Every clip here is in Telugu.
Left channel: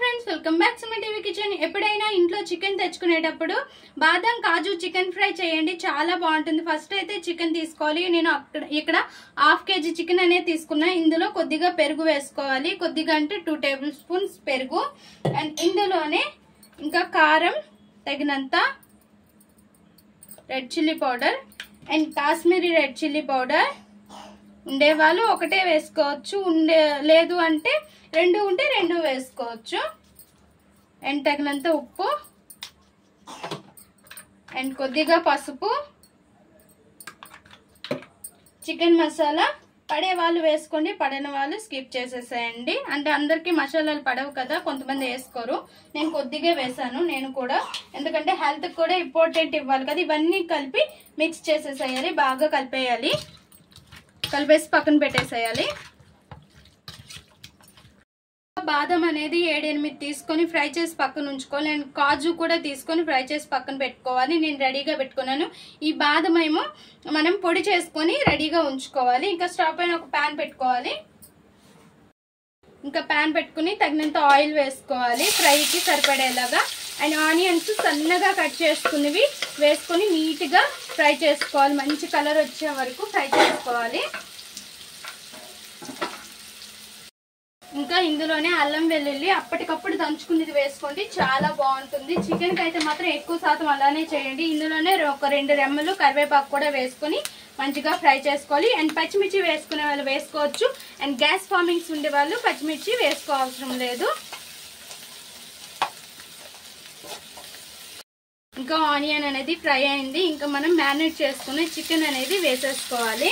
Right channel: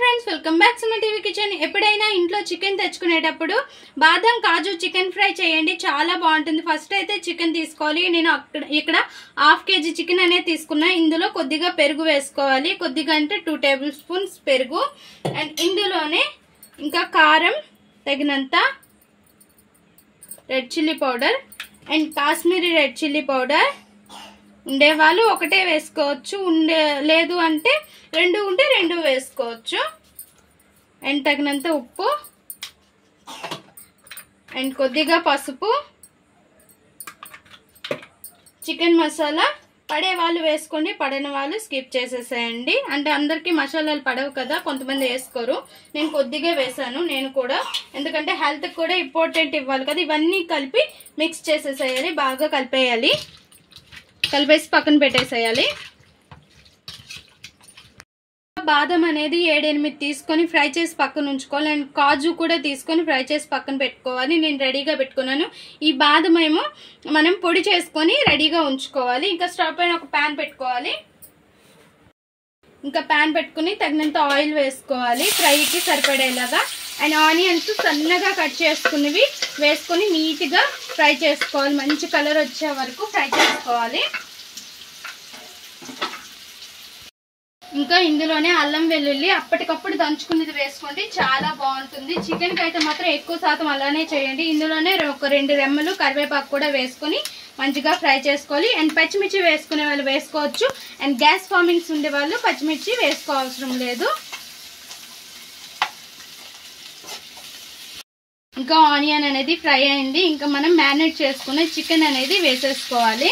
Friends welcome back to my TV kitchen. ఎప్పుడైనా ఇంట్లో చికెన్ తెచ్చుకునేటప్పుడు బాదం కాజు చికెన్ ఫ్రై చేయండి, చాలా బాగుంటుంది. ఫస్ట్ అయితే చికెన్ తీసుకోవాలి. నేను ఇక్కడ హాఫ్ కేజీ చికెన్ అనేది తీసుకున్నా. ఇందులో కొద్దిగా పెరుగు వేసుకోవాలి, కొద్దిగా అంటే 2 టేబుల్ స్పూన్స్ పెరుగు. అండ్ ఇందులోనే ఇంకా కారం తగినంత, red chilli powder and Kashmiri red chilli powder. ఉండేవాళ్ళు ఒకటే వేసుకోవచ్చు, లేదు అంటే రెండు ఉంటే రెండు వేసుకోవచ్చు. అండ్ తగినంత ఉప్పు అండ్ కొద్దిగా పసుపు, చికెన్ మసాలా. పడే వాళ్ళు వేసుకోండి, పడని వాళ్ళు స్కిప్ చేసేసేయండి. అంటే అందరికీ మసాలాలు పడవు కదా, కొంతమంది వేసుకోరు. నేను కొద్దిగా వేసాను నేను కూడా, ఎందుకంటే హెల్త్ కూడా ఇంపార్టెంట్ ఇవ్వాలి కదా. ఇవన్నీ కలిపి మిక్స్ చేసేసేయాలి, బాగా కలిపేయాలి. కలిపేసి పక్కన పెట్టేసేయాలి. బాదం అనేది 7-8 తీసుకొని ఫ్రై చేసి పక్కన ఉంచుకోవాలి. అండ్ కాజు కూడా తీసుకొని ఫ్రై చేసి పక్కన పెట్టుకోవాలి. నేను రెడీగా పెట్టుకున్నాను. ఈ బాదం ఏమో మనం పొడి చేసుకొని రెడీగా ఉంచుకోవాలి. ఇంకా స్టవ్ పైన ఒక ప్యాన్ పెట్టుకోవాలి. ఇంకా ప్యాన్ పెట్టుకుని తగినంత ఆయిల్ వేసుకోవాలి ఫ్రైకి సరిపడేలాగా. అండ్ ఆనియన్స్ సన్నగా కట్ చేసుకునేవి వేసుకొని నీట్గా ఫ్రై చేసుకోవాలి. మంచి కలర్ వచ్చే వరకు ఫ్రై చేసుకోవాలి. ఇంకా ఇందులోనే అల్లం వెల్లుల్లి అప్పటికప్పుడు దంచుకునేది వేసుకోండి, చాలా బాగుంటుంది. చికెన్కి అయితే మాత్రం ఎక్కువ శాతం అలానే చేయండి. ఇందులోనే ఒక 2 రెమ్మలు కరివేపాకు కూడా వేసుకొని మంచిగా ఫ్రై చేసుకోవాలి. అండ్ పచ్చిమిర్చి వేసుకునే వాళ్ళు వేసుకోవచ్చు. అండ్ గ్యాస్ ఫార్మింగ్స్ ఉండే వాళ్ళు పచ్చిమిర్చి వేసుకోవసరం లేదు. ఇంకా ఆనియన్ అనేది ఫ్రై అయింది. ఇంకా మనం మ్యారినేట్ చేసుకునే చికెన్ అనేది వేసేసుకోవాలి.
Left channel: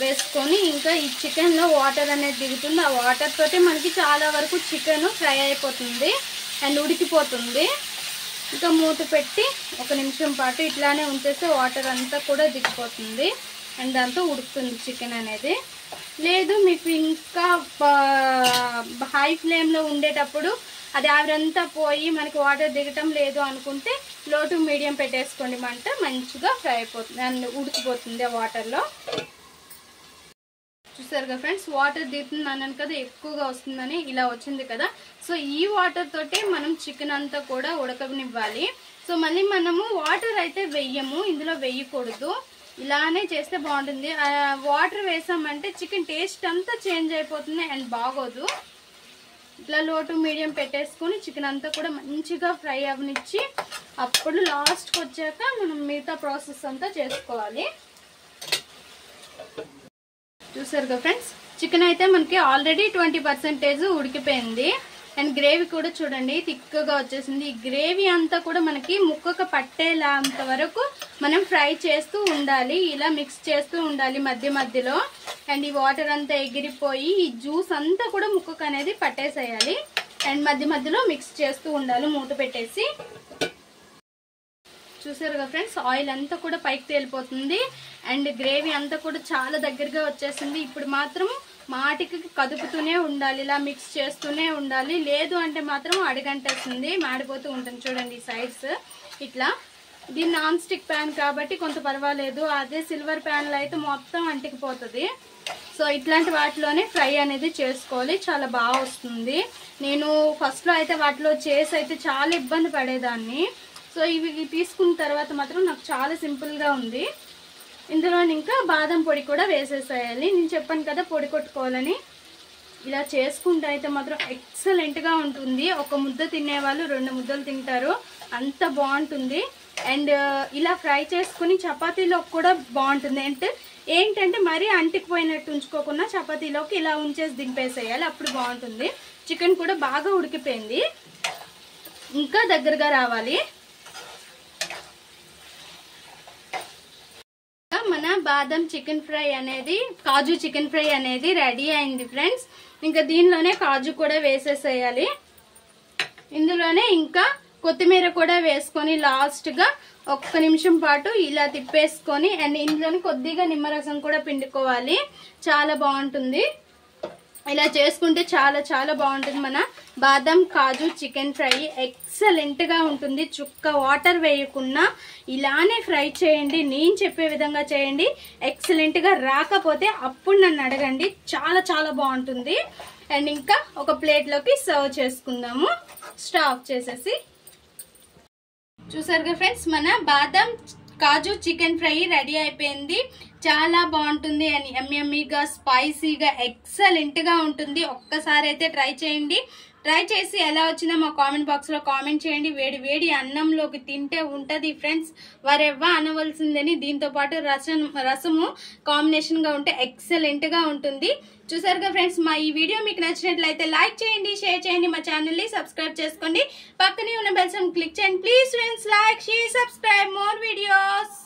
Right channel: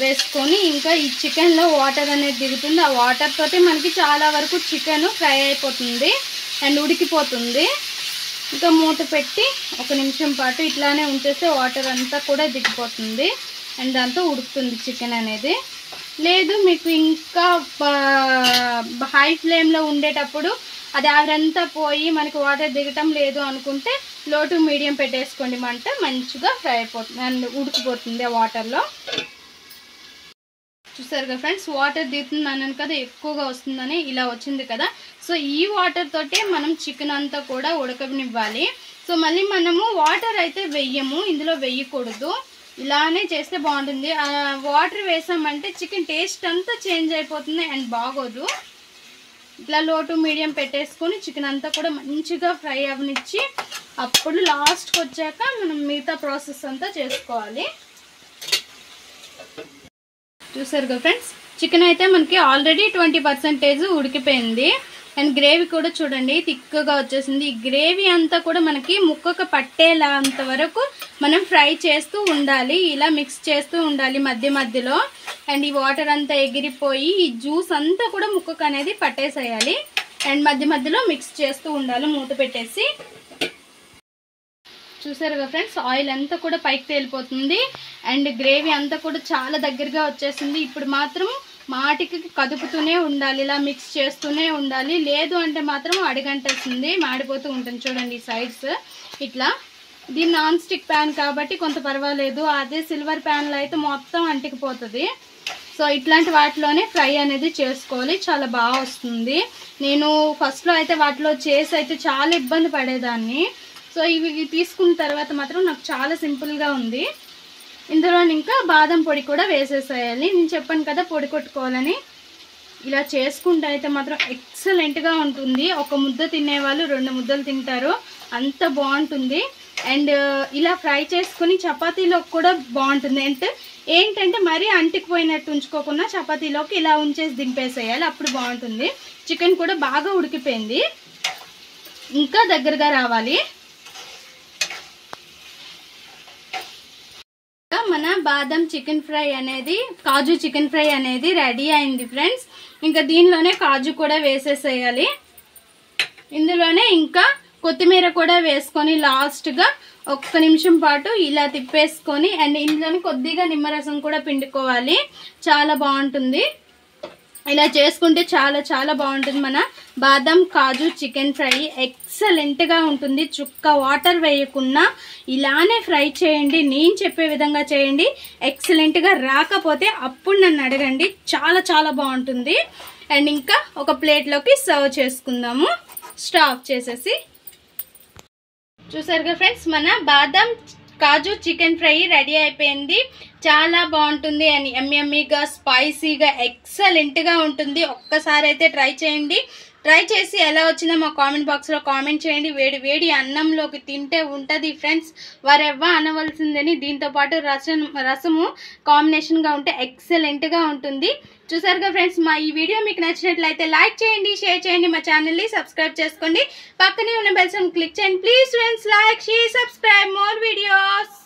వేసుకొని ఇంకా ఈ చికెన్లో వాటర్ అనేది దిగుతుంది. ఆ వాటర్ తోటి మనకి చాలా వరకు చికెన్ ఫ్రై అయిపోతుంది అండ్ ఉడికిపోతుంది. ఇంకా మూత పెట్టి 1 నిమిషం పాటు ఇట్లానే ఉంచేస్తే వాటర్ అంతా కూడా దిగిపోతుంది అండ్ దాంతో ఉడుకుతుంది చికెన్ అనేది. లేదు మీకు ఇంకా హై ఫ్లేమ్లో ఉండేటప్పుడు అది ఆవిరంతా పోయి మనకి వాటర్ దిగటం లేదు అనుకుంటే లో టు మీడియం పెట్టేసుకోండి. మంట మంచిగా ఫ్రై అయిపోతుంది అండ్ ఉడికిపోతుంది ఆ వాటర్లో. చూసారు కదా ఫ్రెండ్స్, వాటర్ దిగుతుంది అన్నాను కదా, ఎక్కువగా వస్తుందని ఇలా వచ్చింది కదా. సో ఈ వాటర్ తోటే మనం చికెన్ అంతా కూడా ఉడకనివ్వాలి. సో మళ్ళీ మనము వాటర్ అయితే వెయ్యము, ఇందులో వెయ్యకూడదు. ఇలానే చేస్తే బాగుంటుంది. వాటర్ వేసామంటే చికెన్ టేస్ట్ అంతా చేంజ్ అయిపోతుంది అండ్ బాగోదు. ఇట్లా లో టు మీడియం పెట్టేసుకొని చికెన్ అంతా కూడా మంచిగా ఫ్రై అవనిచ్చి అప్పుడు లాస్ట్కి వచ్చాక మనం మిగతా ప్రాసెస్ అంతా చేసుకోవాలి. చూసారు కదా ఫ్రెండ్స్, చికెన్ అయితే మనకి ఆల్రెడీ 20% ఉడికిపోయింది. అండ్ గ్రేవీ కూడా చూడండి థిక్గా వచ్చేసింది. ఈ గ్రేవీ అంతా కూడా మనకి ముక్కకు పట్టేలా అంత వరకు మనం ఫ్రై చేస్తూ ఉండాలి. ఇలా మిక్స్ చేస్తూ ఉండాలి మధ్య మధ్యలో. అండ్ ఈ వాటర్ అంతా ఎగిరిపోయి ఈ జ్యూస్ అంతా కూడా ముక్కకు అనేది పట్టేసేయాలి. అండ్ మధ్య మధ్యలో మిక్స్ చేస్తూ ఉండాలి మూత పెట్టేసి. చూసారు కదా ఫ్రెండ్స్, ఆయిల్ అంతా కూడా పైకి తేలిపోతుంది అండ్ గ్రేవీ అంతా కూడా చాలా దగ్గరగా వచ్చేసింది. ఇప్పుడు మాత్రం మాటికి కదుపుతూనే ఉండాలి, ఇలా మిక్స్ చేస్తూనే ఉండాలి. లేదు అంటే మాత్రం అడిగంటేస్తుంది, మాడిపోతూ ఉంటుంది. చూడండి సైడ్స్ ఇట్లా. ఇది నాన్ స్టిక్ ప్యాన్ కాబట్టి కొంత పర్వాలేదు, అదే సిల్వర్ ప్యాన్లో అయితే మొత్తం అంటికిపోతుంది. సో ఇట్లాంటి వాటిలోనే ఫ్రై అనేది చేసుకోవాలి, చాలా బాగా వస్తుంది. నేను ఫస్ట్లో అయితే వాటిలో చేసి అయితే చాలా ఇబ్బంది పడేదాన్ని. సో ఇవి తీసుకున్న తర్వాత మాత్రం నాకు చాలా సింపుల్గా ఉంది. ఇందులో ఇంకా బాదం పొడి కూడా వేసేసేయాలి. నేను చెప్పాను కదా పొడి కొట్టుకోవాలని. ఇలా చేసుకుంటే అయితే మాత్రం ఎక్సలెంట్గా ఉంటుంది. ఒక ముద్ద తినేవాళ్ళు 2 ముద్దలు తింటారు, అంత బాగుంటుంది. అండ్ ఇలా ఫ్రై చేసుకుని చపాతీలోకి కూడా బాగుంటుంది. అంటే ఏంటంటే మరీ అంటికిపోయినట్టు ఉంచుకోకుండా చపాతీలోకి ఇలా ఉంచేసి దింపేసేయాలి, అప్పుడు బాగుంటుంది. చికెన్ కూడా బాగా ఉడికిపోయింది, ఇంకా దగ్గరగా రావాలి. మన బాదం చికెన్ ఫ్రై అనేది, కాజు చికెన్ ఫ్రై అనేది రెడీ అయింది ఫ్రెండ్స్. ఇంకా దీనిలోనే కాజు కూడా వేసేసేయాలి. ఇందులోనే ఇంకా కొత్తిమీర కూడా వేసుకొని లాస్ట్గా 1 నిమిషం పాటు ఇలా తిప్పేసుకొని అండ్ ఇందులోని కొద్దిగా నిమ్మరసం కూడా పిండుకోవాలి, చాలా బాగుంటుంది. ఇలా చేసుకుంటే చాలా చాలా బాగుంటుంది. మన బాదం కాజు చికెన్ ఫ్రై ఎక్సలెంట్గా ఉంటుంది. చుక్క వాటర్ వేయకుండా ఇలానే ఫ్రై చేయండి, నేను చెప్పే విధంగా చేయండి. ఎక్సలెంట్గా రాకపోతే అప్పుడు నన్ను అడగండి, చాలా చాలా బాగుంటుంది. అండ్ ఇంకా ఒక ప్లేట్లోకి సర్వ్ చేసుకుందాము స్టవ్ ఆఫ్ చేసేసి. చూసారుగా ఫ్రెండ్స్, మన బాదం కాజు చికెన్ ఫ్రై రెడీ అయిపోయింది. చాలా బాగుంటుంది అండ్ యమ్మీగా స్పైసీగా ఎక్సలెంట్గా ఉంటుంది. ఒక్కసారి అయితే ట్రై చేయండి. ట్రై చేసి ఎలా వచ్చిందో మా కామెంట్ బాక్స్లో కామెంట్ చేయండి. వేడి వేడి అన్నంలోకి తింటే ఉంటుంది ఫ్రెండ్స్ వరెవ్వ అనవలసిందని. దీంతోపాటు రసము కాంబినేషన్గా ఉంటే ఎక్సలెంట్గా ఉంటుంది. చూసారుగా ఫ్రెండ్స్, మా ఈ వీడియో మీకు నచ్చినట్లయితే లైక్ చేయండి, షేర్ చేయండి, మా ఛానల్ని సబ్స్క్రైబ్ చేసుకోండి, పక్కనే ఉన్న బెల్ సింబల్ క్లిక్ చేయండి. Please friends, like, share, subscribe more videos.